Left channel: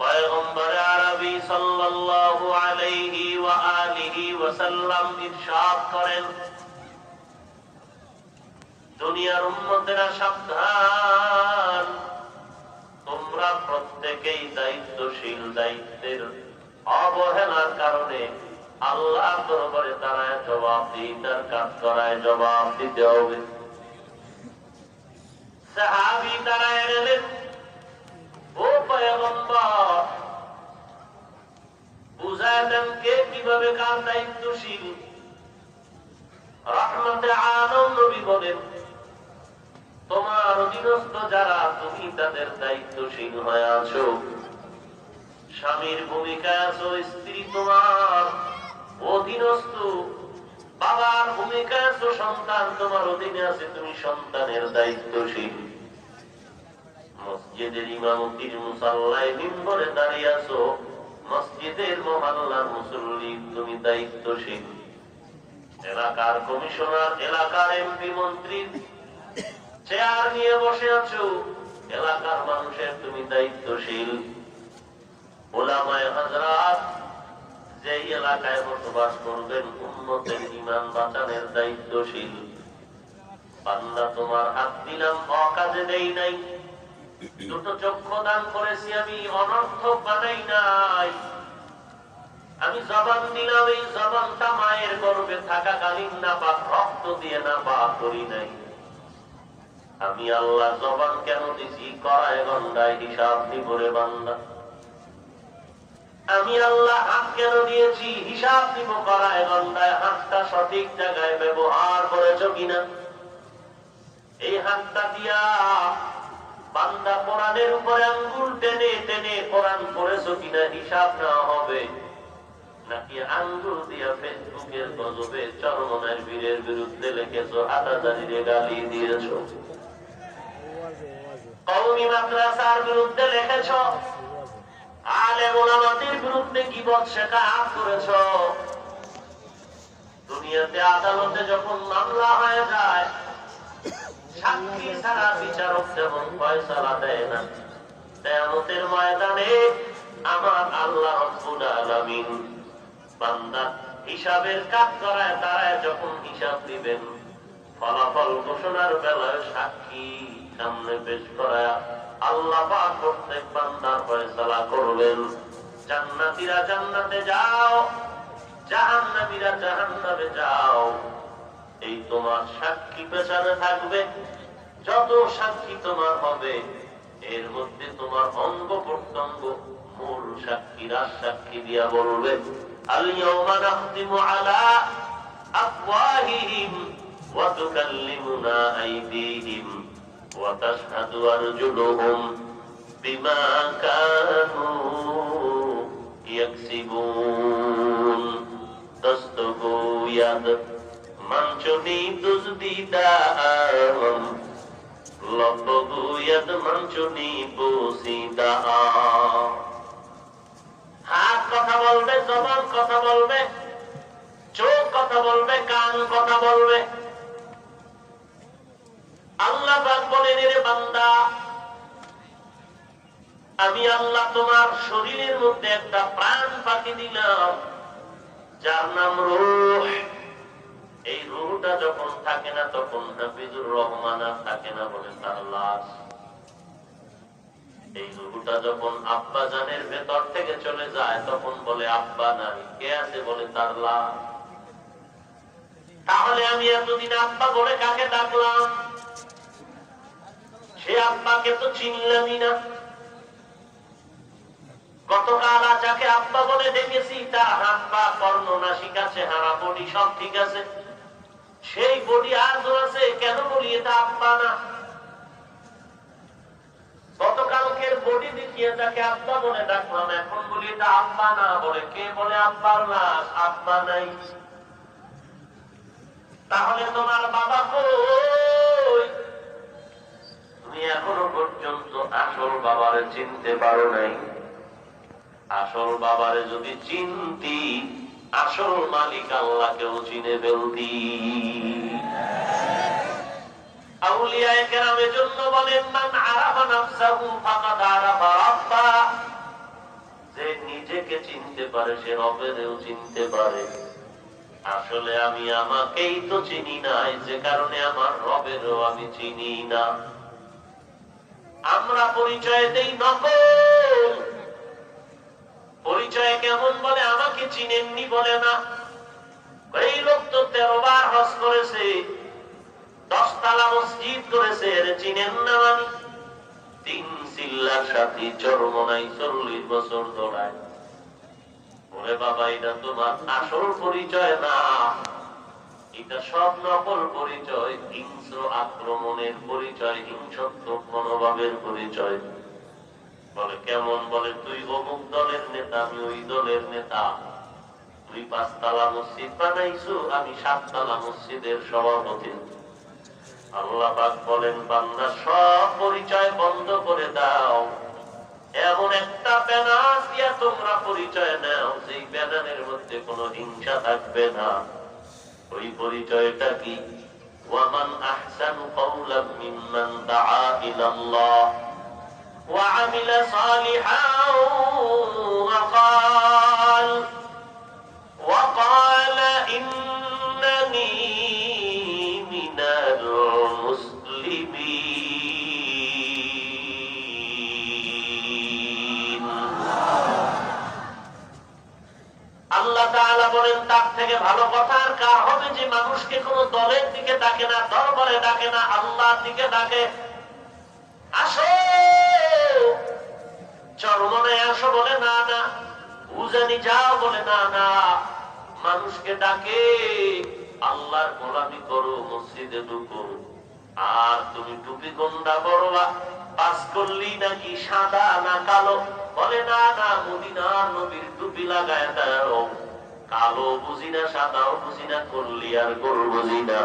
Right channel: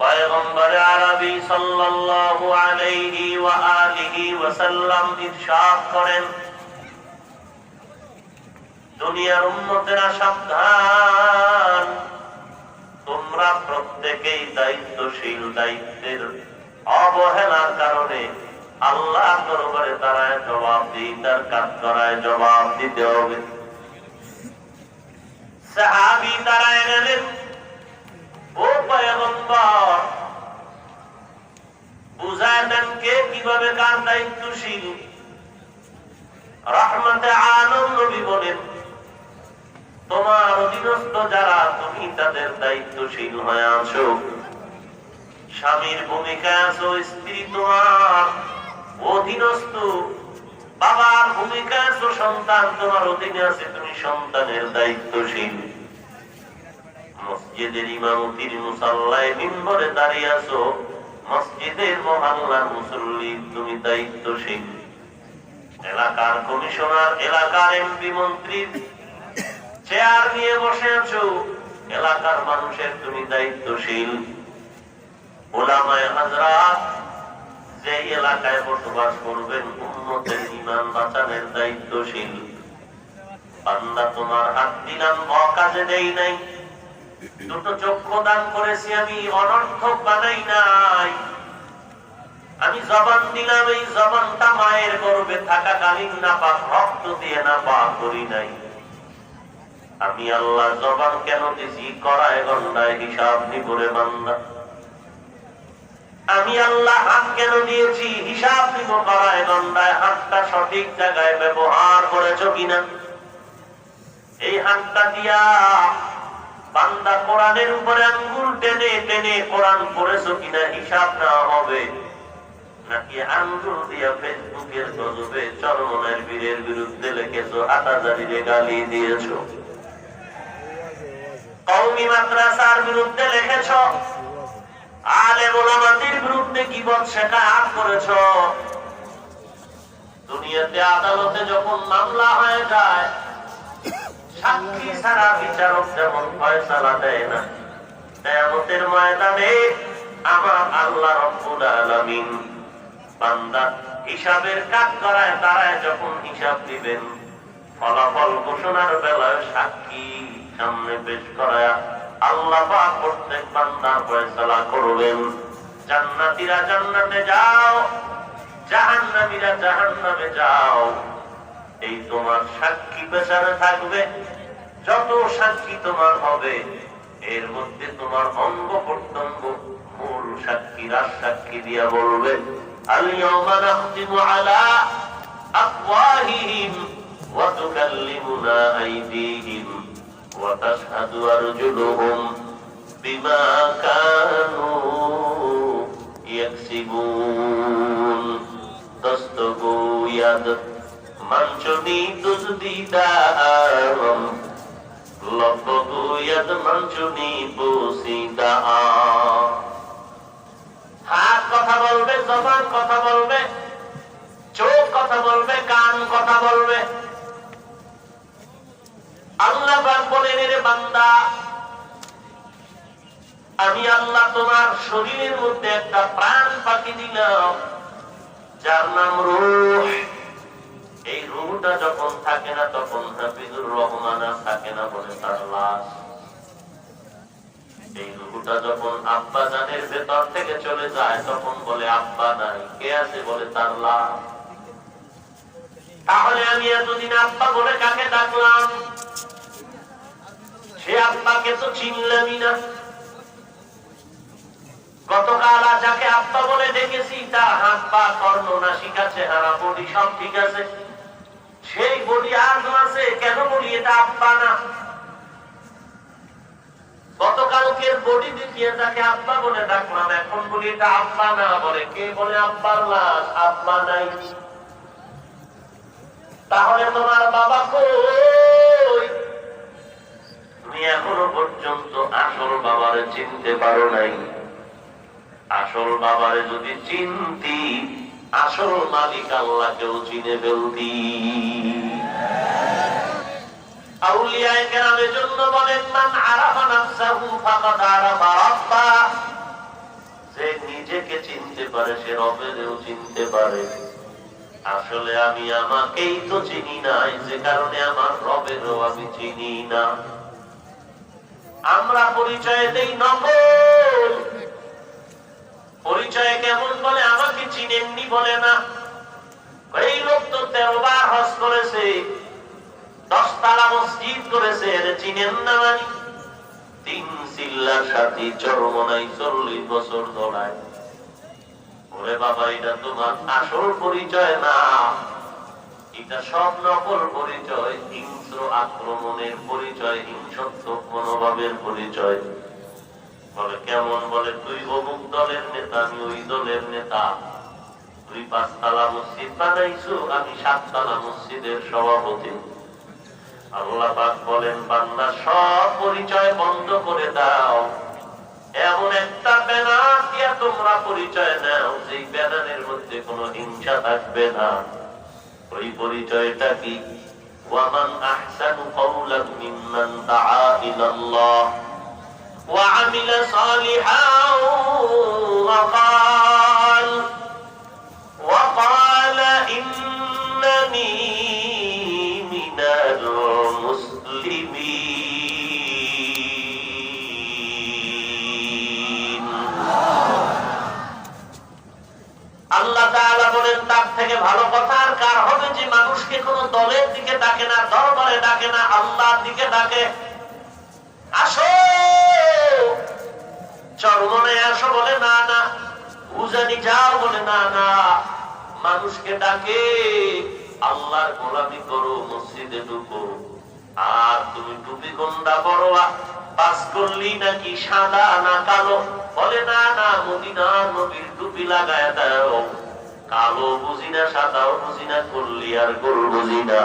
পয়গম্বর আরবি সাল্লাল্লাহু আলাইহি ওয়া আলিহি ওয়াসাল্লাম ইরশাদ করেন, দুনিয়ার উম্মতেরা সাবধান, তোমরা প্রত্যেকেই দায়িত্বশীল, দায়িত্বের অবহেলার কারণে আল্লাহ দরবারে দাঁড়ায় জবাবদিহিতার কাজ করায় জবাব দিতে হবে। সাহাবী দাঁড়ায় গেলেন, ও পয়গম্বর বুঝায় দেন কে কিভাবে কার দায়িত্বশীল। রহমতে আলম নবী বলেন, তোমার অধীনস্থ যারা তুমি তাদের দায়িত্বশীল হয়ে আছো, স্বামীর ভূমিকায় আছো, স্ত্রী তোমার অধীনস্থ, বাবার ভূমিকায় আছো, সন্তান তোমার অধীনে আছে, তুমি সন্তানের দায়িত্বশীল। মসজিদের ইমামতির মুসাল্লায় মিম্বরে দাঁড়িয়ে আছো, মসজিদের মহল্লার মুসল্লি তুমি দায়িত্বশীল। এলাকার কমিশনার, এলাকার এমপি মন্ত্রীর চেয়ার নিয়ে বসে আছো, এলাকার মানুষের তুমি দায়িত্বশীল। উলামায়ে হযরত যে এলাকায় বসবাস করবেন, উম্মতের ঈমান বাঁচানোর দায়িত্বশীল। বান্দা তোমার হাত দিলাম, অকাজে দেই নাই, দুটো চক্ষু দান করেছি, আমি অনর্থক বানাই নাই, আমি জবান দিলাম, এই জবানটা মায়ের গর্ভে থাকাকালীন নাপাক রক্ত দিয়ে নাপাক করি নাই। আমি আল্লাহ জবান কেন দিছি, করায় গন্ডায় হিসাব নিব রে বান্দা। আমি আল্লাহ হাত কেন দিয়েছি, হিসাব নিব করায় গন্ডায়। হাতটা সঠিক জায়গায় ব্যবহার করেছো কিনা, এই হাতটা দিয়া বান্দা কোরআনের উপরে আঙ্গুল টেনে টেনে কোরআন পড়েছো কিনা হিসাব নেওয়া হবে, নাকি আঙ্গুল দিয়া ফেসবুকের গজবে চরমনের বীরের বিরুদ্ধে লিখেছো, হাটাজারিরে গালি দিয়েছো, কওমি মাদ্রাসার বিরুদ্ধে লিখেছো, আলেম ওলামাদের বিরুদ্ধে গীবত শিকায়ত করেছো। দুনিয়াতে আদালতে যখন মামলা হয়ে যায়, সাক্ষী ছাড়া বিচারক যেমন ফয়সালা দেয় না, কিয়ামতের ময়দানে আমার আল্লাহ রাব্বুল আলামিন বান্দা হিসাবের কাজ করায় দাঁড়ায় যখন হিসাব দিবেন, ফলাফল ঘোষণার বেলায় সাক্ষী সামনে পেশ করায় আল্লাহ পাক প্রত্যেক বান্দার ফয়সালা করবেন। জান্নাতীরা জান্নাতে যাও, জাহান্নামীরা জাহান্নামে যাও, এই তোমার সাক্ষী পেশারে থাকবে। যত সাক্ষী তোমার হবে, এর মধ্যে তোমার অঙ্গ প্রত্যঙ্গ মূল সাক্ষীরা সাক্ষী দিয়া বলবে, আল-ইয়াওমা নাখতিমু আলা আফওয়াহিহিম ওয়া তুকাল্লিমুনা আইদিহিম ওয়া তাশহাদু আরজুলুহুম বিমা কানু ইয়াকসিবুন। দস্তগু ইয়াদ মানচুনি দুজদিদাম লবগু ইয়াদ মানচুনি বুসিদা। হাত কথা বলবে, জবান কথা বলবে, চোখ কথা বলবে, কান কথা বলবে। আল্লাহ পাক বলেন, রে বান্দা, আমি আল্লাহ তোমার শরীরের মধ্যে একটা প্রাণ পাখি দিলাম, যার নাম রূহ। এই রূহটা যখন থাকে না, তখন হাফিজুর রহমান থাকে না, বলে তার লাশ। এই রূহটা যখন আব্বা জানের ভেতর থেকে চলে যায়, তখন বলে আব্বা নাই, কে আছে, বলে তার লাশ। তাহলে আমি এতদিন আব্বা বলে কাকে ডাকলাম? সে আব্বাকে তো চিনলামই না। গতকাল যাকে আব্বা বলে দেখেছি, তার হাত পা কর্ণ নাসিকা চেহারা বডি সব ঠিক আছে, সেই বডি আজও আছে, কেন বলি এটা আব্বা না? গতকালকের বডি দেখিয়ে তাকে আব্বা বলে ডাকলাম, এখন বলি এটা আব্বা না, বলে কে, বলে আব্বার লাশ, আব্বা নাই। তাহলে তোমার বাবা কই? তুমি এখনো পর্যন্ত আসল বাবারে চিনতে পারো নাই। আসল বাবারে যদি চিনতি, আসল মালিক আল্লাহকেও চিনে ফেলতি। আউলিয়ায়ে কেরামের জন্য বলেন, মান আরাফা নাফসাহু ফাকাদ আরাফা রাব্বা। পারে, সে রবেরও চিনতে পারে। আসলে আমি আমাকেই তো চিনি নাই, যে কারণে আমার রবেরও আমি চিনি না। আমরা পরিচয় দেই নকল। পরিচয় কেমন বলে, আমাকে চিনেননি বলে না। এই লোক তো 13 বার হজ করেছে, 10 তালা মসজিদ করেছে, এর চিনেন না মানি? 3 চিল্লার সাথী চরমনাই 40 বছর দৌড়ায়। বলে বাবা, এটা তোমার আসল পরিচয় না, এটা সব নকল পরিচয়, হিংস্র আক্রমণের পরিচয়, হিংসত্ব মনোভাবের পরিচয়। বলে কেমন? বলে তুই অমুক দলের নেতা, আমি ওই দলের নেতা। তুই 5 তালা মসজিদ বানাইছো, আমি 7 তালা মসজিদের সভাপতি। আল্লাহ পাক বলেন, বান্দা সব পরিচয় বন্ধ করে দাও, এমন একটা ব্যানার দিয়ে তোমরা পরিচয় নাও, সেই ব্যানারের মধ্যে কোনো হিংসা থাকবে না। ওই পরিচয়টা কি? ওয়ামান আহসানু কাওলাম মিম্মান দাআ ইলাল্লাহ ওয়া আমিলা সালিহান ওয়া ক্বালা ইন্নানী মিনাল মুসলিমিন। আল্লাহ তাআলা বলেন, তার থেকে ভালো কথা আর কার হবে, যে মানুষকে কোন দলের দিকে ডাকে না, দরবারে ডাকে না, আল্লাহর দিকে ডাকে। আসো চরমনায় আসো বলে না না, উজানি যাও বলে না না, মানুষকে ডাকে আল্লাহর গোলামি করো, মসজিদে ঢুকো। আর তুমি টুপি কোনটা পরো, পাস করলি নাকি সাদা না কালো? বলে না না, মদিনার নবীর টুপি লাগায় দাও। কালো বুঝি না, সাদাও বুঝি না, করলি আর গোল বুঝি না।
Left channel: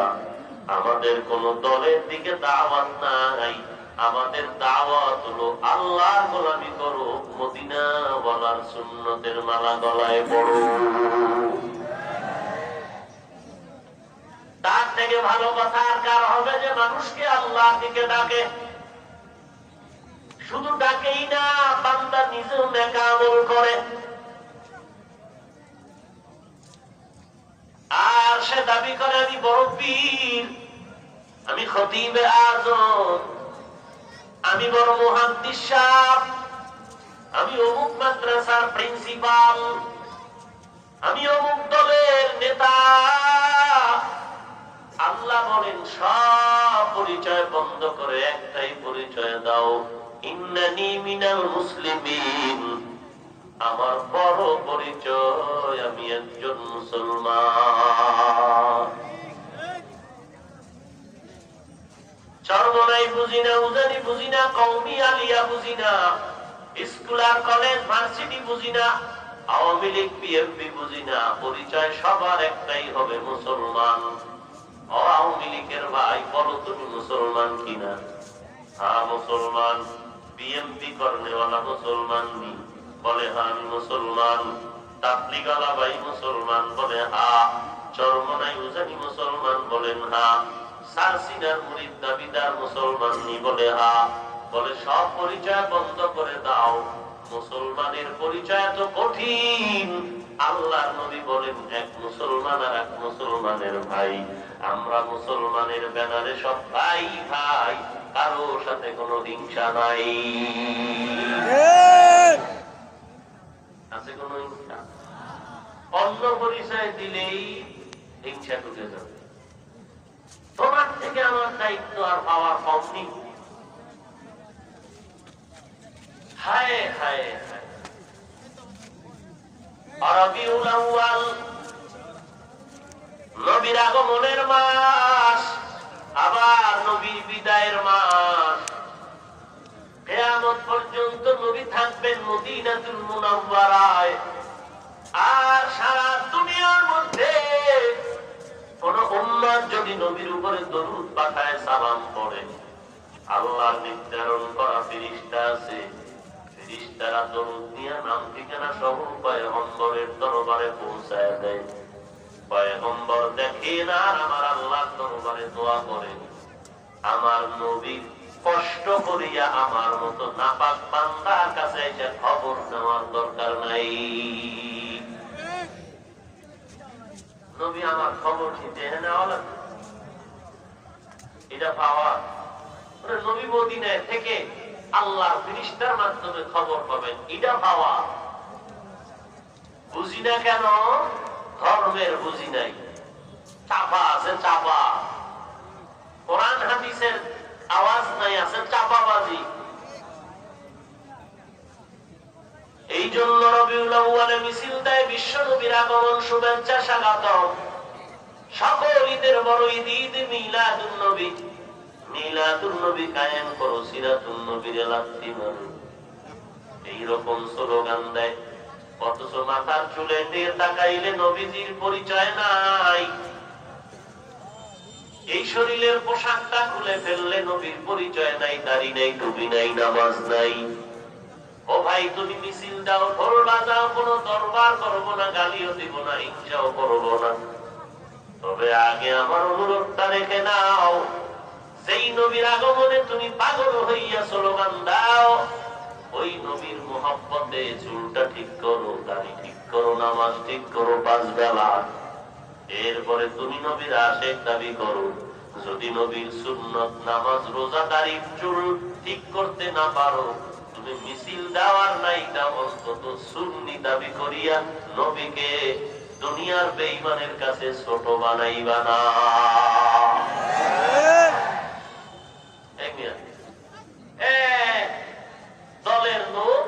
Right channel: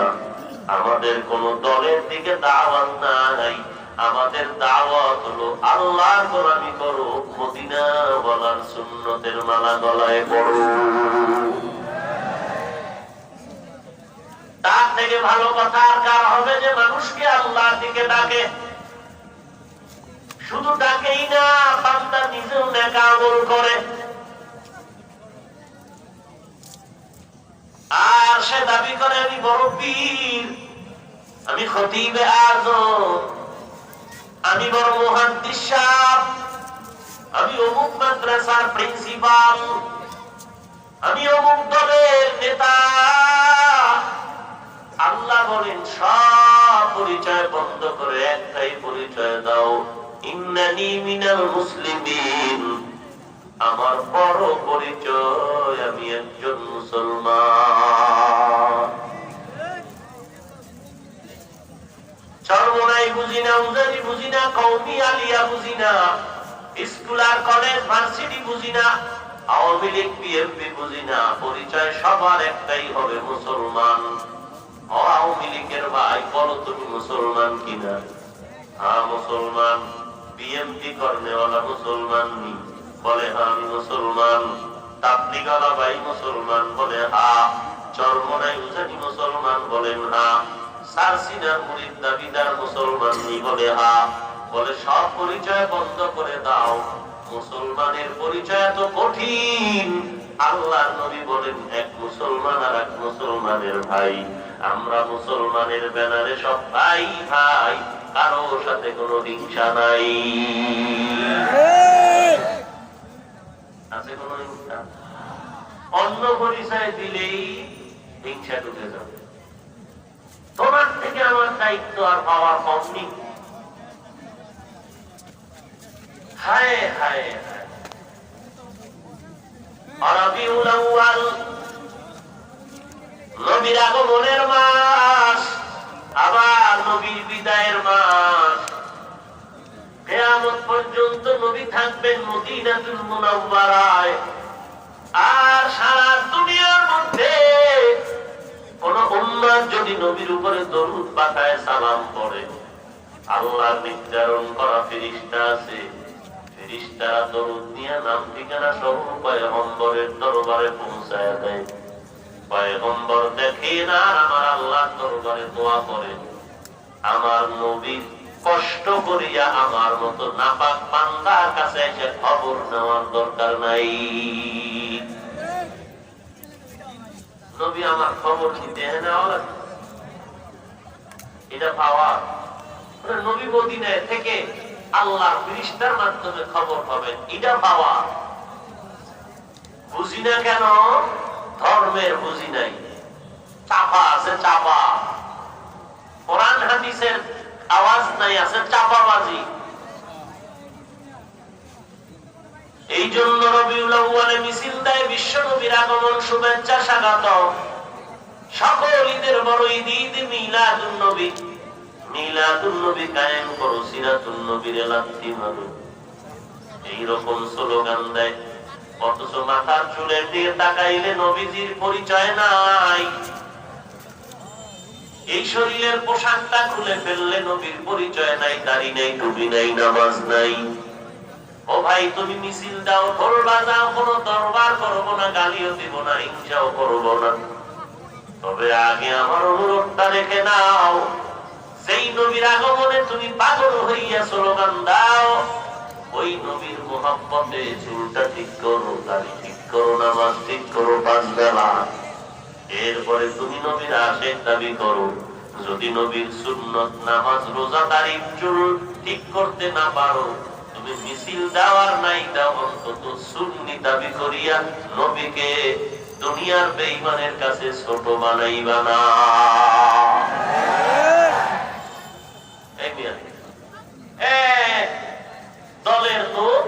আমাদের কোন দলের দিকে দাওয়াত নাই, আমাদের দাওয়াত হলো আল্লাহর গোলামি করো, মদিনা ওয়ালার সুন্নতের মালা গলায় পড়ো। তার থেকে ভালো কথা আর কার হবে, যে মানুষকে আল্লাহর দিকে ডাকে। শুধু ডাকেই না, বান্দা নিজেও নেক আমল করে। আর সে দাবি করে, আমি বড় পীর, আমি খতিবে আযম, আমি বড় মুহাদ্দিস সাহেব, আমি অমুক মাদ্রাসার প্রিন্সিপাল, আমি অমুক দলের নেতা। আল্লাহ বলেন, সব পরিচয় বন্ধ করে একটাই পরিচয় দাও, ইন্নানী মিনাল মুসলিমিন। আমার বড় পরিচয়, আমি একজন মুসলমান। চরমনাই বুঝি না, মুজালি বুঝি না, কওমি আলিয়া বুঝি না, স্কুল আর কলেজ ভার্সিটি বুঝি না, আওয়ামী লীগ বিএনপি বুঝি না, পরিচয় সবার একটাই হবে, মুসলমান। আওয়ামী লীগের ভাই, বলো তুমি মুসলমান কিনা? হ্যাঁ মুসলমান। বিএনপি করনেওয়ালা মুসলমান নি? বলে হ্যাঁ আমি মুসলমান। তাবলীগওয়ালা ভাই মুসলমান? বলে হ্যাঁ। চরমনাই উজানি মুসলমান? বলেন হ্যাঁ। সারসিনার মুরিদ দাবিদার মুসলমান নি? বলে হ্যাঁ। বলে সব পরিচয় বন্ধ করে দাও, মুসলমানের পরিচয় এত কঠিন। আল্লাহর নবী বলেন, এক মুসলমান আর এক মুসলমানের ভাই। আমরা মুসলমানের ব্যানারে সব ভাই ভাই, কারো সাথে কোনো হিংসা নাই। আছে কোনো হিংসা? অন্য পরিচয় দিলেই হিংসা ঢুকে যাবে। তোমার থেকে আমার দায়িত্ব আর পাওয়ার কম নেই। হায় হায় হায়, রবিউল আউয়াল নবীর আগমনের মাস, আবার নবীর বিদায়ের মাস। কিয়ামত পর্যন্ত নবী থাকবেন মদিনাতুল মুনাওয়ারায়। আর সারা দুনিয়ার মধ্যে কোন উম্মত যদি নবীর উপরে দরুদ পাঠায়, সালাম পড়ে, আল্লাহর নির্ধারণ করা ফেরেশতা আছে, ফেরেশতারা দরুদ নিয়ে নাম ঠিকানা সহ পয়গম্বরের দরবারে পৌঁছায় দেয়। পয়গম্বর দেখে না, আমার আল্লাহর দরবারে দোয়া করে, আমার নবী কষ্ট করিয়া আমার মতো নাপাক বান্দার কাছে এসে খবর নেওয়ার দরকার নাই। নবী আমার খবর নিতে নেওয়া লাগে, এটা পাওয়া। নবী মদিনায় থেকে আল্লাহর ফেরেশতার মাধ্যমে খবর পাবেন, এটা পাওয়া। বুঝি না কেন? ধর্মের বুঝি নাই, চাপা আছে, চাপা। কোরআন হাদিসের আওয়াজ নাই, আছে চাপাবাজি। এই জন্য রবিউল আউয়ালে মিছিল দেয়, বিশ্ব নবীর আগমন, শুভেচ্ছা, স্বাগতম। সকল ঈদের বড় ঈদ, ঈদ মিলাদুন নবী। মিলাদুন নবী কায়েম করো, সিরাতুন নবীর লাথি মারো, এইরকম স্লোগান দেয়। অথচ মাথার চুলে দিয়ে তাকাইলে নবীজির পরিচয় নাই। এই শরীরের পোশাকটা খুলে ফেললে নবীর পরিচয় নাই, দাড়ি নাই, টুপি নাই, নামাজ নাই। ও ভাই, তুমি মিছিল দাও, ঢোল বাজাও, কোনো দরবার করবো না, গালিও দিব না, হিংসাও করবো না, তবে আগে আমার অনুরোধটা রেখে নাও। সেই নবীর আগমনে তুমি পাগল হইয়া স্লোগান দাও, ওই নবীর মুহাব্বতে চুলটা ঠিক করো, দাড়ি ঠিক করো, নামাজ ঠিক করো 5 বেলা। এরপরে তুমি নবীর আশিক দাবি করো। যদি নবীর সুন্নত, নামাজ, রোজা, দাড়ি, চুল ঠিক করতে না পারো, তুমি মিছিল দেওয়ার নাই দাও, অন্তত সুন্নি দাবি করিয়া নবীকে দুনিয়ার বেঈমানের কাছে ছোট বানাইবা না। দলের লোক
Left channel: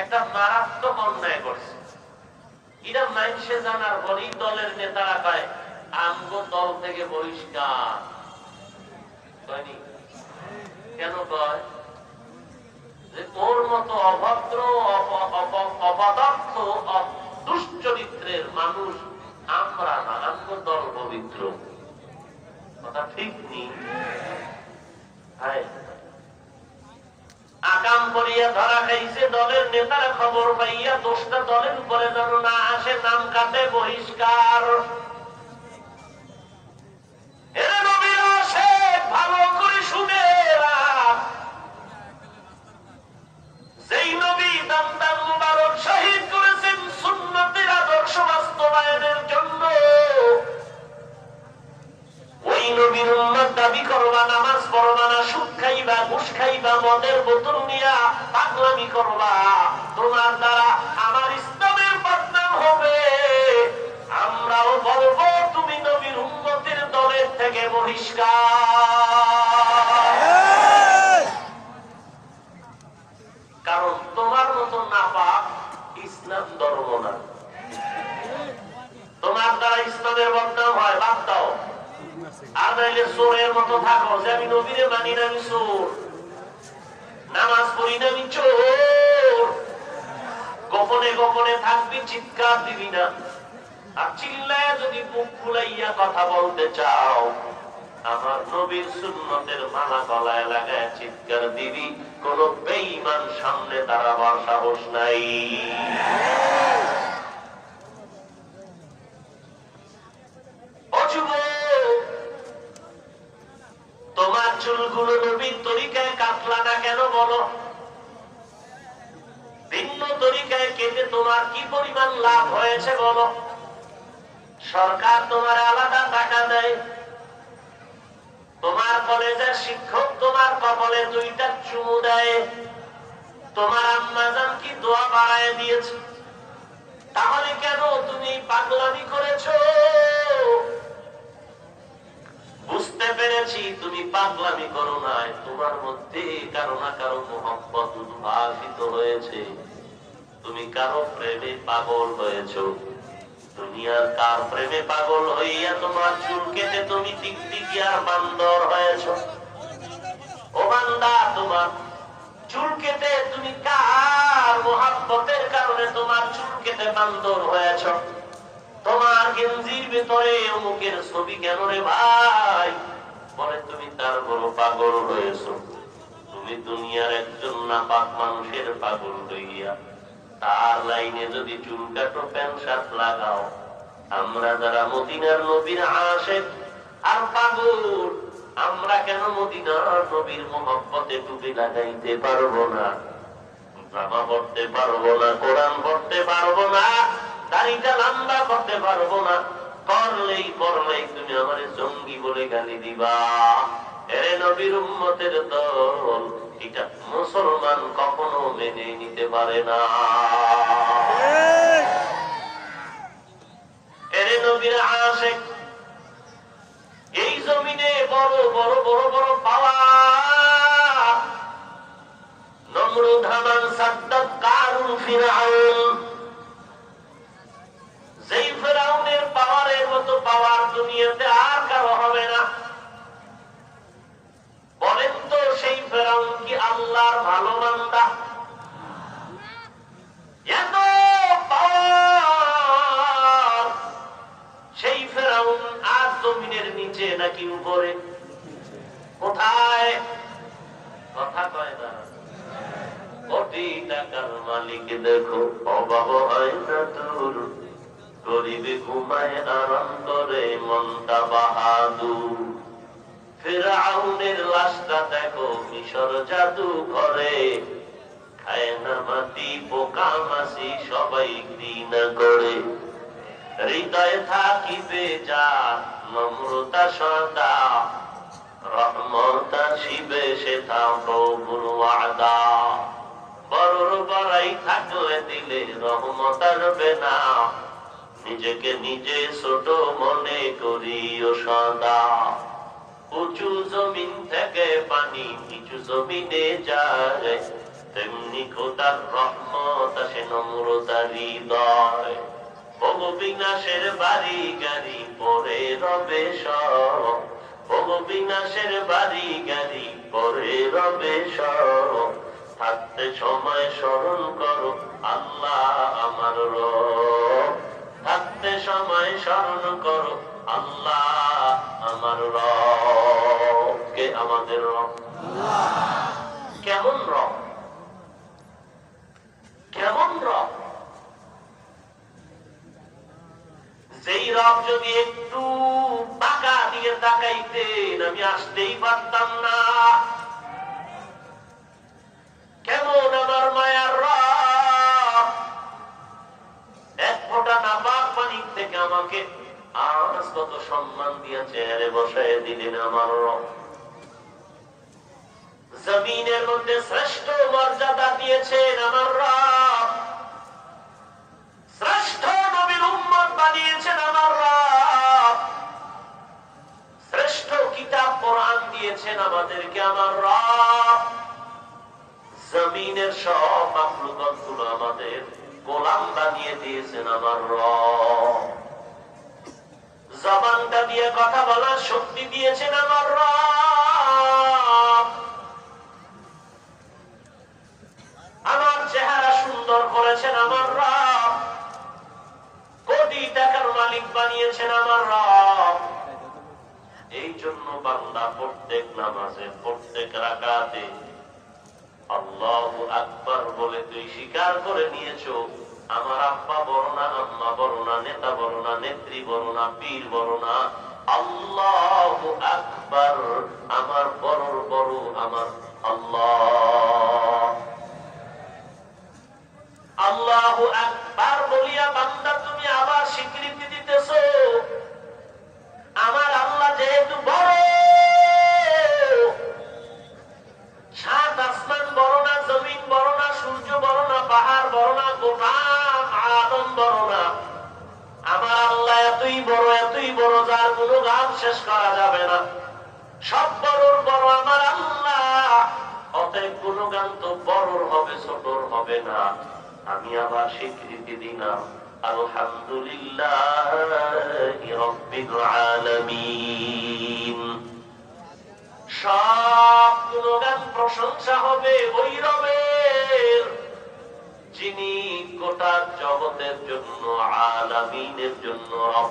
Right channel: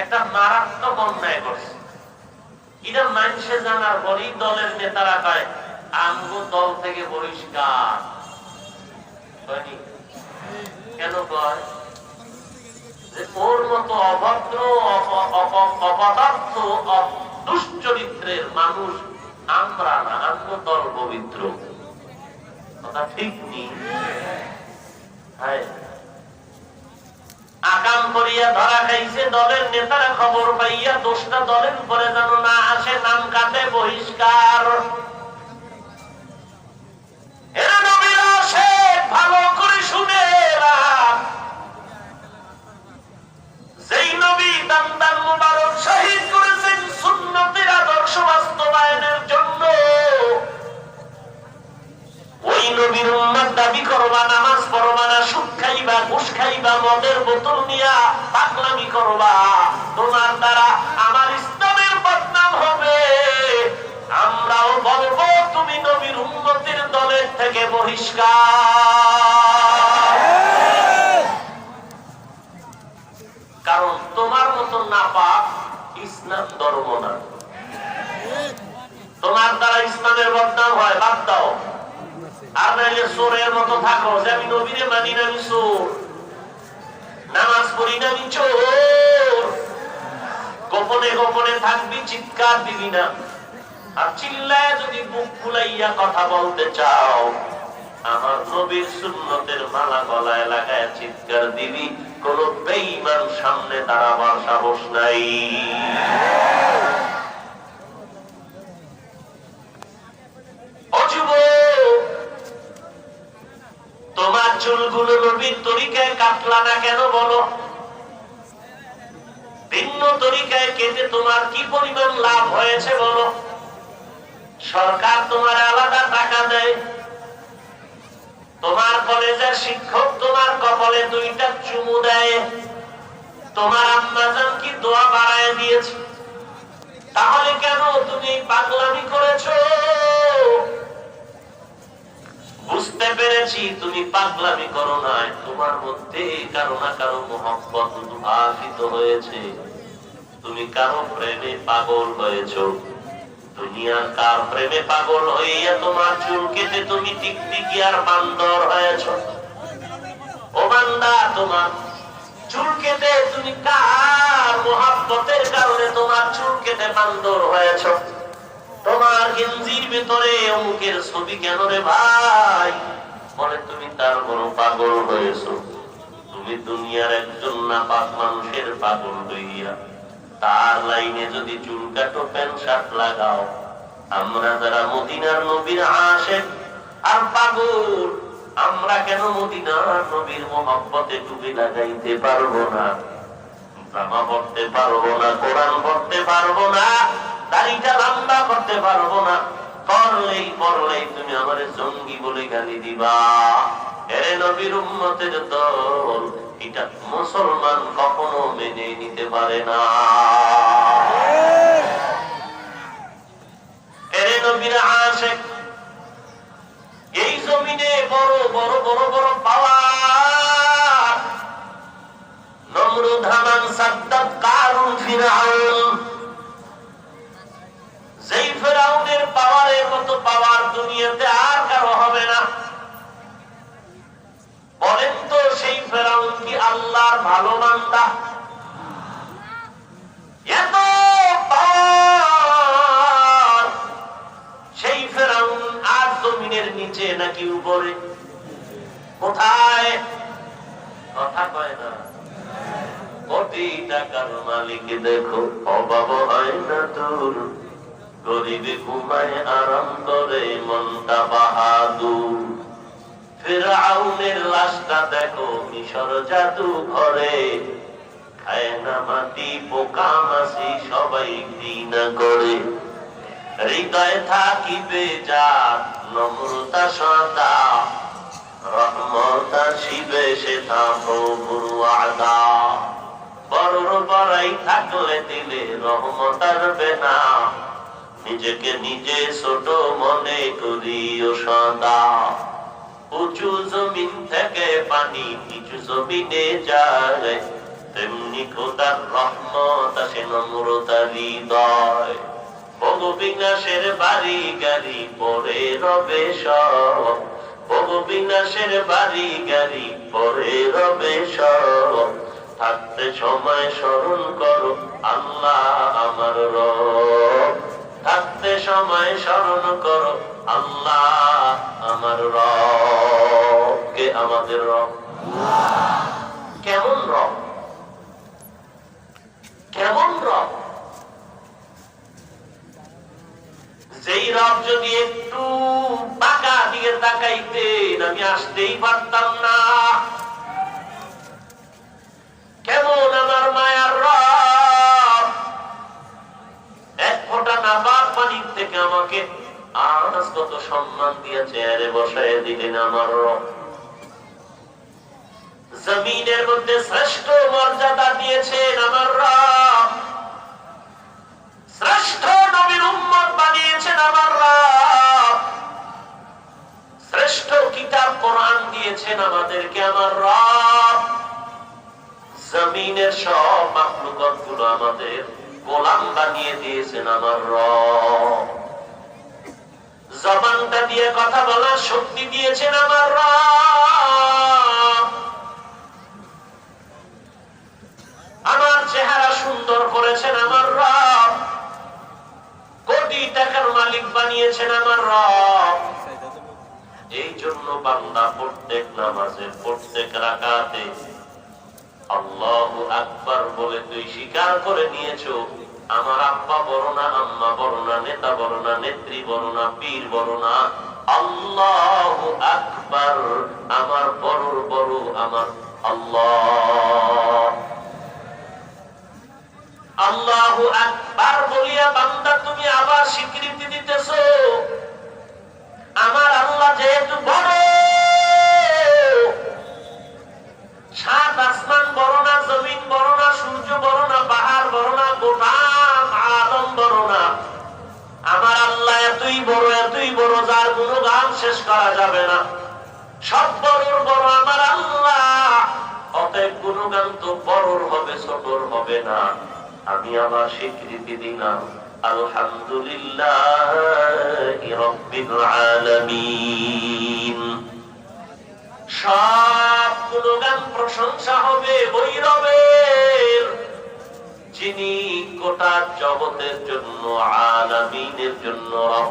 একটা মারাত্মক অন্যায় করছে, এটা মানুষে জানার পরেই দলের নেতারা পায় আমগো দল থেকে বহিষ্কার। কেন কয়? ওর মতো অভদ্র, অপদার্থ, দুশ্চরিত্রের মানুষ আমরা না, আমগো দল পবিত্র। কথা ঠিক নেই। আকাম করিয়া ধরা খাইছে, দলের নেতারা খবর পাইয়া দোষটা দলের উপরে যেন না আসে, নাম কাটে বহিষ্কার। এরা নবীর আশিক, ভালো করে শুনে যেই নবী দান মুবারক শহীদ করেছেন সুন্নতের আদর্শ বাস্তবায়নের জন্য, ওই নবীর উম্মত দাবি করবা, নামাজ পড়বা না, সুদ খাইবা, ঘুষ খাইবা, মদের বোতল নিয়া পাগলামি করবা, তোমার দ্বারা আমার ইসলামের বদনাম হবে। আমরাও বলবো তুমি নবীর উম্মতের দলের থেকে বহিষ্কার। কারণ তোমার মতো নাপাক ইসলাম ধর্ম না। তোমার দ্বারা ইসলামের বদনাম হয়, বাদ দাও। আর নাইলে চোরের মতো থাকো, যে আমি নবীরে মানি না, আমি চোর, নামাজ পড়ি না, আমি চোর। গোপনে গোপনে থাকবি, চিৎকার দিবি না। আর চিল্লায় যদি বুক ফুলাইয়া কথা বলতে চাও, আমার নবীর সুন্নতের মালা গলায় লাগায় চিৎকার দিবি। কোন বেঈমান সামনে দাঁড়াবার সাহস নাই। তোমার চুলগুলো নবীর তরিকায় কাটলা না কেন বলো? ভিন্ন তরিকায় কেটে তোমার কি পরিমাণ লাভ হয়েছে বলো? সরকার তোমার আলাদা টাকা দেয়, তোমার কলেজের শিক্ষক তোমার কপালে 2টা চুমু দেয়, তোমার আম্মাজান কি দোয়া বাড়ায় দিয়েছে। তাহলে কেন তুমি পাগলামি করেছো? বুঝতে পেরেছি তুমি পাগলামি করো নাই, তোমার মধ্যে কারো না কারো মহব্বত উদ্ভাসিত হয়েছে, তুমি কারো প্রেমে পাগল হয়েছো। দুনিয়ার কার প্রেমে পাগল হইয়া তোমার চুল কেটে তুমি টিকটিকি আর বান্দর হয়েছো? ও বান্দা, তোমার চুল কেটে তুমি কার মহব্বতের কারণে তোমার চুল কেটে বান্দর হয়েছো? তোমার গেঞ্জির ভিতরে অমুকের ছবি কেন রে ভাই? বলে তুমি তার বড় পাগল হয়েছো। তুমি দুনিয়ার একজন নাপাক মানুষের পাগল হইয়া তার লাইনে যদি চুল কাটো, প্যান্ট শার্ট লাগাও, আমরা যারা মদিনার নবীর আশিক আর পাগল, আমরা কেন মদিনার নবীর মহব্বতে টুপি লাগাইতে পারবো না, জামা পড়তে পারবো না, কোরআন পড়তে পারবো না, দাড়িটা লম্বা করতে পারবো না, করলেই তুমি আমারে জঙ্গি বলে গালি দিবা। এরে নবীর উম্মতের দল, এটা মুসলমান কখনো মেনে নিতে পারে না। এরে নবীর আশিক, এই জমিনে বড় বড় বড় বড় পাওয়ার, নমরুদ, হামান, সাদ্দাত, কারুন, ফিরআউন, যেই ফিরআউনের পাওয়ারের মতো পাওয়ার দুনিয়াতে আর কারো হবে না। বলেন তো, সেই ফিরআউন কি আল্লাহর ভালো বান্দা? এত পাওয়ার, সেই ফিরআউন আর জমিনের নিচে নাকি উপরে? কোথায়? কথা কয় না। কোটি টাকার মালিক দেখো, অভাব হয় না তোর, গরিবে ঘুমায় আরাম করে মনটা বাহাদুর। ফিরআউনের লাশটা দেখো মিশর জাদু ঘরে, খায় না মাটি পোকা মাছি সবাই ঘৃণা করে। হৃদয়ে থাকিবে যার নম্রতা সদা, রহমত আসিবে সেটা প্রভুর ওয়াদা। বড়র বড়াই থাকলে দিলে রহমত আসবে না, নিজেকে নিজে ছোট মনে করিও সদা। উঁচু জমিন থেকে পানি নিচু জমিনে যায়, তেমনি খোদার রহমত আসে নম্রতার হৃদয়। ভোগবিনাশের বাড়ি গাড়ি পরে রবে সব, ভোগবিনাশের বাড়ি গাড়ি পরে রবে সব। থাকতে সময় স্মরণ করো আল্লাহ আমার রব, থাকতে সময় স্মরণ করো আল্লাহ আমার রব। কে আমাদের রব? কেমন রব? কেমন রব? যেই রব যদি একটু টাকা দিয়ে তাকাইতেন আমি আসতেই পারতাম না। কেমন আমার মায়ার রব, এক ফোঁটা নাপাক পানির থেকে আমাকে আজ কত সম্মান দিয়ে চেয়ারে বসায় দিলেন আমার রব। জমিনের মধ্যে শ্রেষ্ঠ মর্যাদা দিয়েছেন আমার রব, শ্রেষ্ঠ নবীর উম্মত বানিয়েছেন আমার রব, শ্রেষ্ঠ কিতাব কোরআন দিয়েছেন আমাদেরকে আমার রব। জমিনের সব মাখলুকাত গুলো আমাদের গোলাম বানিয়ে দিয়েছেন আমার রব। জবানটা দিয়ে কথা বলার শক্তি দিয়েছেন আমার রব। আমার চেহারা সুন্দর করেছেন আমার রব। কোটি টাকার মালিক বানিয়েছেন আমার রব। এই জন্য বান্দা প্রত্যেক নামাজে প্রত্যেক রাকাতে আল্লাহু আকবার বলে তুই স্বীকার করে নিয়েছো আমার আব্বা বড় না, আম্মা বড় না, নেতা বড় না, নেত্রী বড় না, পীর বড় না, আল্লাহু আকবার আমার বড় বড় আমার আল্লাহ। আল্লাহু আকবার বলিয়া বান্দা তুমি আবার স্বীকৃতি দিতেছো আমার আল্লাহ যেহেতু বড়, সাত আসমান বড় না, জমিন বড় না, সূর্য বড় না, পাহাড় বড় না, গোলাম আদম বড় না, আমার আল্লাহ এতই বড় যার কোনো গান শেষ করা যাবে না। সব বড়র বড় আমার আল্লাহ, অতএব কোনো গান তো বড়র হবে, ছোটর হবে না। আমি আবার স্বীকৃতি দিলাম আলহামদুলিল্লাহি রাব্বিল আলামিন। সব গুণগান প্রশংসা হবে ওই রবের যিনি গোটা জগতের জন্য, আলামিনের জন্য রব।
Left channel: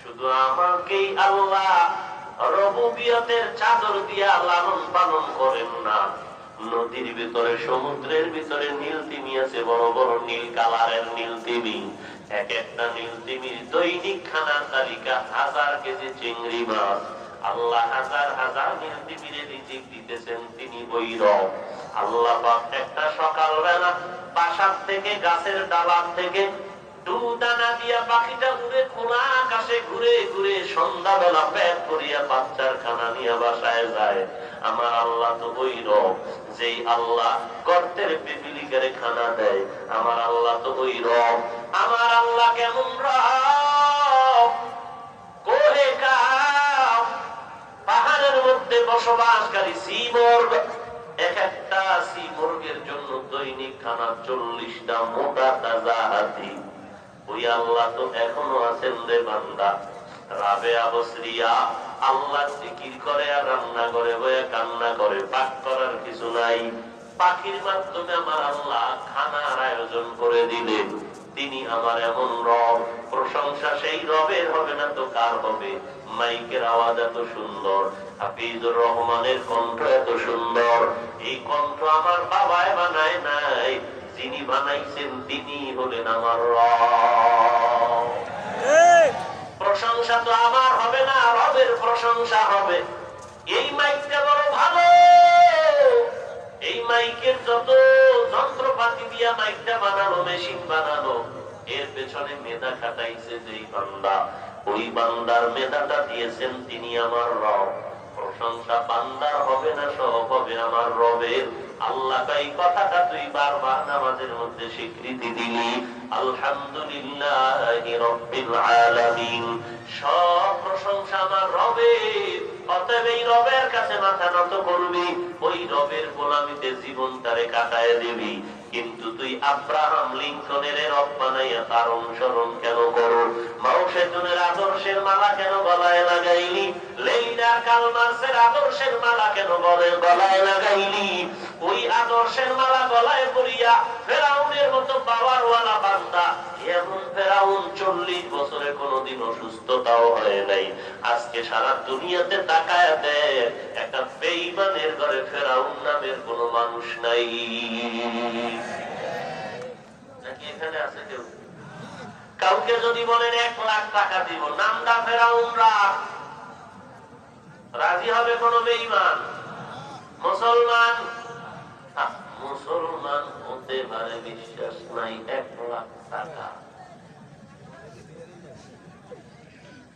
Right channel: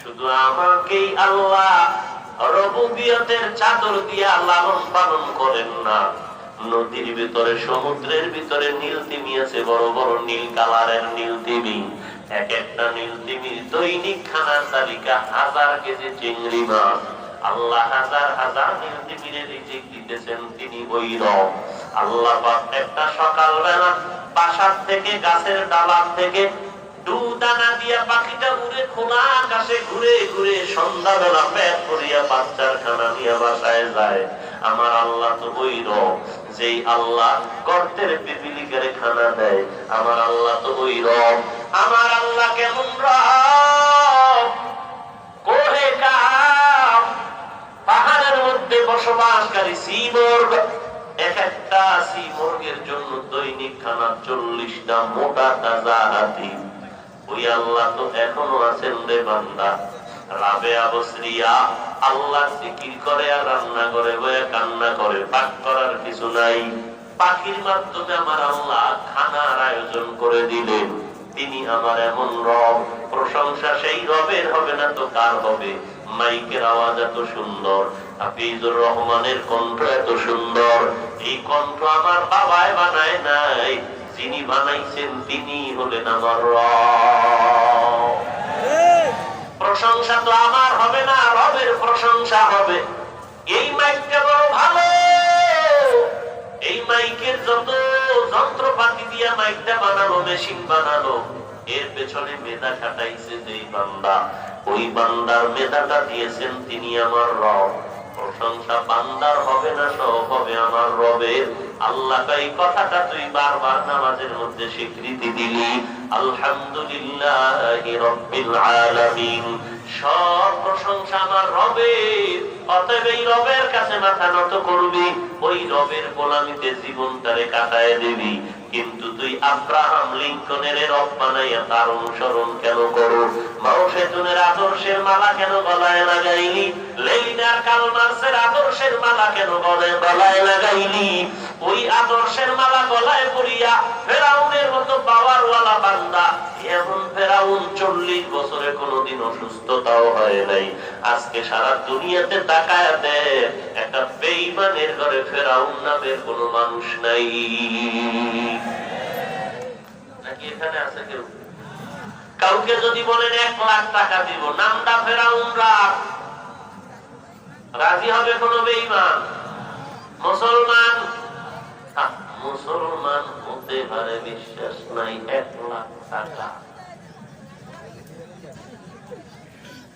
শুধু আমাকেই আল্লাহ রবুবিয়তের চাদর দিয়ে লালন পালন করেন না, নদীর ভিতরে সমুদ্রের ভিতরে নীল তিমি আছে, বড় বড় নীল কালারের নীল তিমি। এক একটা নীল তিমির দৈনিক খানার তালিকা 1000 কেজি চিংড়ি মাছ। আল্লাহ হাজার হাজার নীল তিমিরে রিজিক দিতেছেন, তিনি ওই রব। আল্লাহ পাক একটা সকালবেলা বাসার থেকে গাছের ডালার থেকে দানা দিয়া পাখিটা উড়ে খোলা আকাশে ঘুরে ঘুরে সন্ধ্যাবেলা পেট ভরিয়া বাচ্চার খানা নিয়ে বাসায় যায়। আমার আল্লাহ তো ওই রব, যেই আল্লাহ গর্তের পিপিলিকারে খানা দেয়। আমার আল্লাহ তো ওই রব। আমার আল্লাহ কেমন রব? কোহে কাফ পাহাড়ের মধ্যে বসবাসকারী সীমর্গ, এক একটা সীমর্গের জন্য দৈনিক খানা 40টা মোটা তাজা হাতি। ওই আল্লাহ তো এখনো আছেন রে বান্দা। রাবেয়া বসরিয়া আল্লাহ জিকির করে আর রান্না করে বয়ে কান্না করে, পাক করার কিছু নাই। পাখির মাধ্যমে আমার আল্লাহ খানার আয়োজন করে দিলেন। তিনি আমার এমন রব। প্রশংসা সেই রবের হবে না তো কার হবে? মাইকের আওয়াজ এত সুন্দর, হাফিজুর রহমানের কণ্ঠ এত সুন্দর। এই কণ্ঠ আমার বাবায় বানায় নাই, যিনি বানাইছেন তিনি হলেন আমার রব। প্রশংসা তো আমার হবে না, রবের প্রশংসা হবে। এই মাইকটা বড় ভালো, এই মাইকের যত যন্ত্রপাতি দিয়ে মাইকটা বানানো, মেশিন বানানো, এর পেছনে মেধা খাটাইছে যেই বান্দা, ওই বান্দার মেধাটা দিয়েছেন তিনি আমার রব। প্রশংসা বান্দার হবে না, সব হবে আমার রবের। আল্লাহ এই কথাটা তুই বারবার নামাজের মধ্যে স্বীকৃতি দিলি, আলহামদুলিল্লাহি রাব্বিল আলামিন। সব প্রশংসা আমার রবের। অতএব এই রবের কাছে মাথা নত করবি, ওই রবের গোলামিতে জীবনটারে কাটায় দিবি। কিন্তু তুই আব্রাহাম লিঙ্কনের রব বানাইয়া তার অনুসরণ কেন করো? মাও সেতুনের আদর্শের মালা কেন গলায় লাগাইলি? লেনিনার কার্ল মার্ক্সের আদর্শের মালা কেন গলায় লাগাইলি? ওই আদর্শের মালা গলায় পরিয়া ফেরাউনের মতো পাওয়ারওয়ালা বান্দা, এমন ফেরাউন 40 বছরে কোনোদিন অসুস্থতাও হয় নাই। আজকে সারা দুনিয়াতে তাকায়া দে, একটা বেঈমানের ঘরে ফেরাউন নামের কোন মানুষ নাই। নাকি এখানে আছে কেউ? কাউকে যদি বলেন 1 লাখ টাকা দিব, নামটা ফেরাউন রাখ, রাজি হবে কোন বেঈমান? মুসলমান মুসলমান হতে পারে, বিশ্বাস নাই 1 লাখ টাকা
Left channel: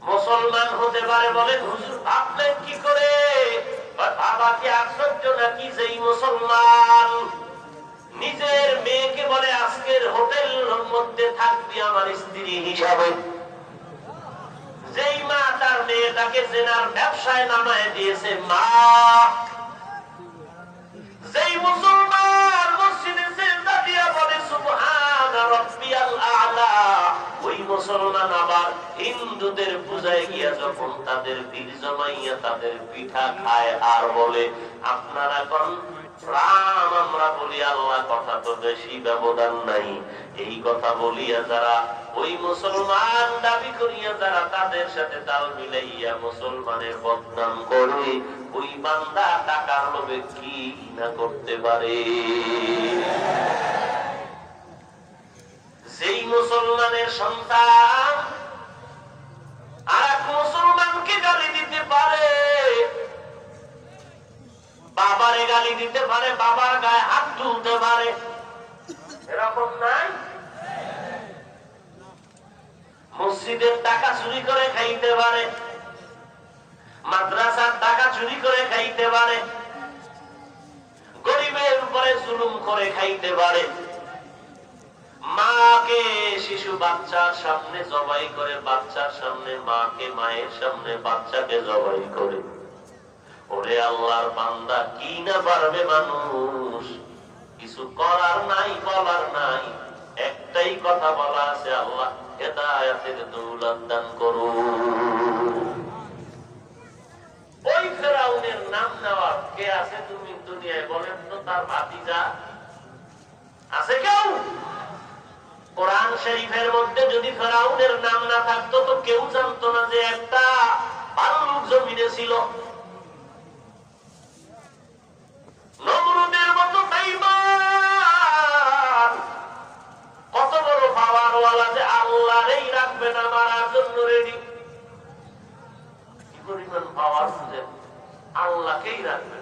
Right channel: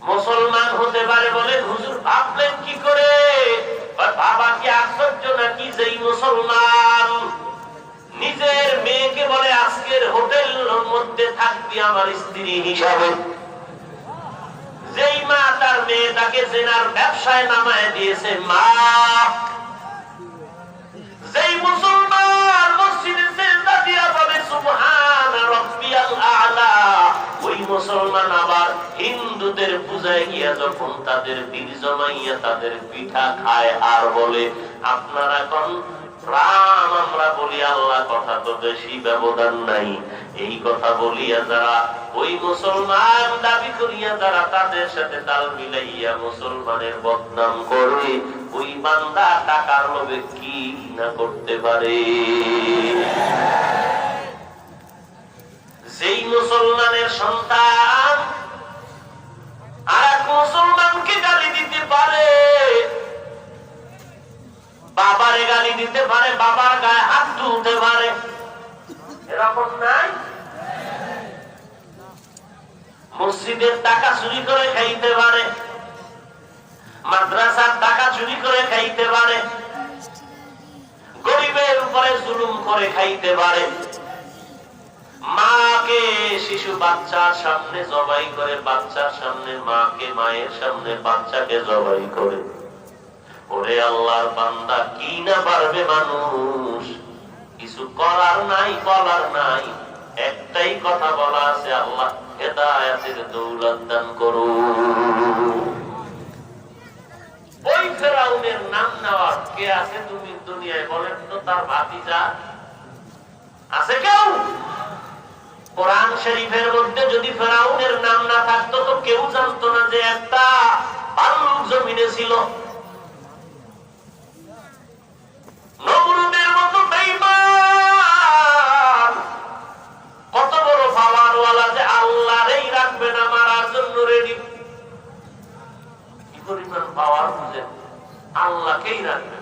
মুসলমান হতে পারে বলে হুজুর ভাবলেন কি করে? বাবা কি আশ্চর্য নাকি যেই মুসলমান নিজের মেয়েকে বলে আজকের হোটেলের মধ্যে থাকবি আমার স্ত্রী হিসাবে, যেই মা তার মেয়েটাকে জেনার ব্যবসায় নামায় দিয়েছে মা, যেই মুসলমান মসজিদে সিজদা দিয়া বলে সুবহান রাব্বিয়াল আ'লা, ওই মুসলমান আবার হিন্দুদের পূজায় গিয়া যখন তাদের বীর জমাইয়া তাদের পিঠা খায় আর বলে আপনারা কোন রাম, আমরা বলি আল্লাহ, কথা তো বেশি ব্যবধান নাই। এই কথা বলিয়া যারা ওই মুসলমান দাবি করিয়া যারা তাদের সাথে তাল মিলাইয়া মুসলমানের বদনাম করে, ওই বান্দা টাকার লোভে কি না করতে পারে। যেই মুসলমানের সন্তান আর এক মুসলমানকে গালি দিতে পারে, বাবারে গালি দিতে পারে, বাবার গায়ে হাত তুলতে পারে, এরকম নাই? মসজিদের টাকা চুরি করে খাইতে পারে, মাদ্রাসার টাকা চুরি করে খাইতে পারে, গরিবের উপরে জুলুম করে খাইতে পারে, মাকে শিশু বাচ্চার সামনে জবাই করে, বাচ্চার সামনে মাকে, মায়ের সামনে বাচ্চাকে জবাই করে। ওরে আল্লাহর বান্দা, কি না পারবে মানুষ? কিছু করার নাই, বলার নাই, একটাই কথা বলা আছে, আল্লাহ হেদায়েতের দৌলত দান করুন। ওই ফেরাউনের নাম নেওয়ার কে আছে তুমি দুনিয়ায় বলেন তো? তার ভাতিজা আছে কেউ? কোরআন শরীফের মধ্যে যদি ফেরাউনের নাম না থাকতো তো কেউ জানতো না যে একটা ভাল্লুক জমিনে ছিল। নমরুদের মতো বেঈমান, কত বড় পাওয়ারওয়ালা যে আল্লাহরই রাখবে না মারার জন্য রেডি। কি পরিমাণ পাওয়ার বুঝেন? আল্লাহকেই রাখবে,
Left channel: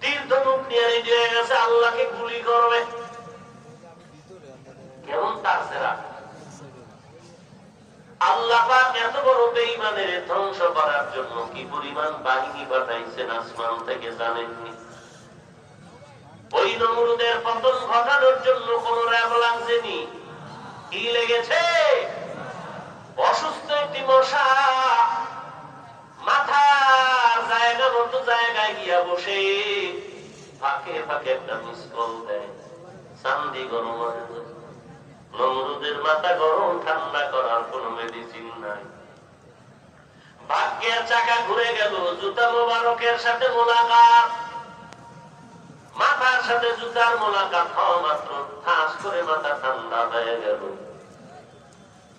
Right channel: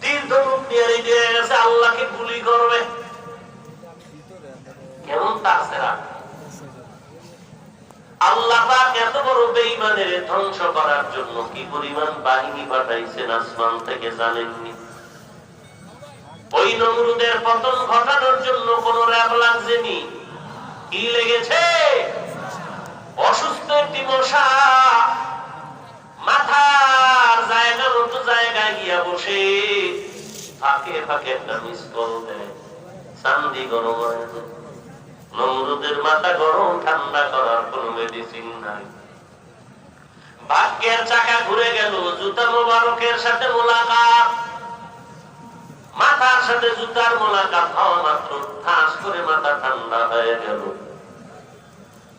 তীর ধনুক নিয়ে রেডি হয়ে গেছে, আল্লাহকে গুলি করবে। কেমন তাছাড়া আল্লাহ পাক এত বড় বেঈমানের ধ্বংস করার জন্য কি পরিমাণ বাহিনী পাঠাইছেন আসমান থেকে জানেননি? ওই নমরুদের পতন ঘটানোর জন্য কোন র‍্যাব লাগছেনি, কি লেগেছে? অসুস্থ একটি মশা মাথার জায়গা মতো জায়গায় গিয়া বসে ফাঁকে ফাঁকে একটা মিস কল দেয়, চান্দি গরম হয় না। নমরুদের মাথা গরম ঠান্ডা করার কোন মেডিসিন নাই। ভাগ্যের চাকা ঘুরে গেল, জুতা মোবারকের সাথে মোলাকাত, মাথার সাথে জুতার মোলাকাত হওয়া মাত্র ঠাস করে মাথা ঠান্ডা হয়ে গেল।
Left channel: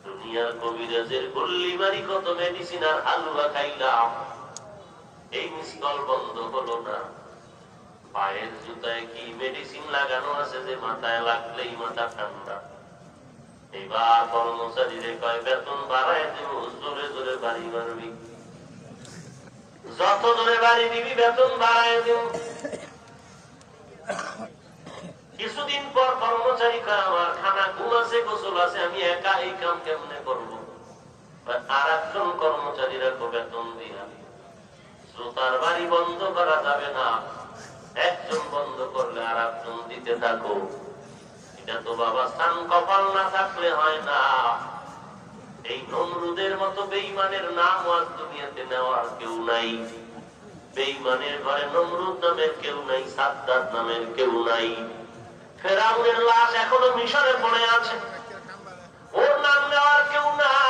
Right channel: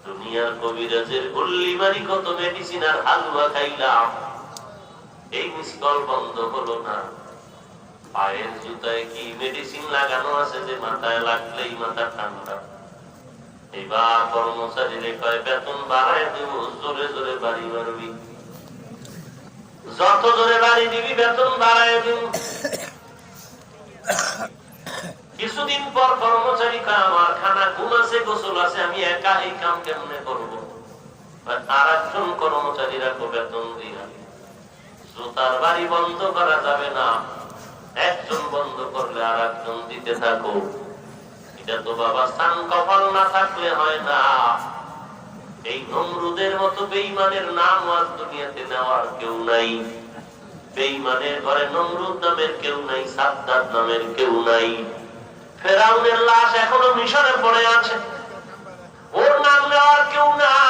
দুনিয়ার কবিরাজের গুল্লিমারি কত মেডিসিন আর হালুয়া খাইলাম, এই মিসকল বন্ধ হলো না। পায়ের জুতায় কি মেডিসিন লাগানো আছে যে মাথায় লাগলেই মাথা ঠান্ডা? এবার কর্মচারীরে কয় বেতন বাড়ায় দেব, জোরে জোরে বাড়ি মারবি, যত জোরে বাড়ি দিবি বেতন বাড়ায় দিব। কিছুদিন পর কর্মচারী কয় আমার খানা ঘুম আছে, গোসল আছে, আমি একা এই কাম কেমনে করবো? আর একজন কর্মচারীরা বেতন দিয়া জুতার বাড়ি বন্ধ করা যাবে না, একজন বন্ধ করলে আর একজন দিতে থাকো। এটা তো বাবা সান কপাল না থাকলে হয় না। এই নমরুদের মতো বেঈমানের নাম আজ দুনিয়াতে নেওয়ার কেউ নাই। বেঈমানের ঘরে নমরুদ নামের কেউ নাই, সাদ্দাত নামের কেউ নাই। ফেরাউনের লাশ এখনো মিশরে পড়ে আছে, ওর নাম নেওয়ার কেউ নাই।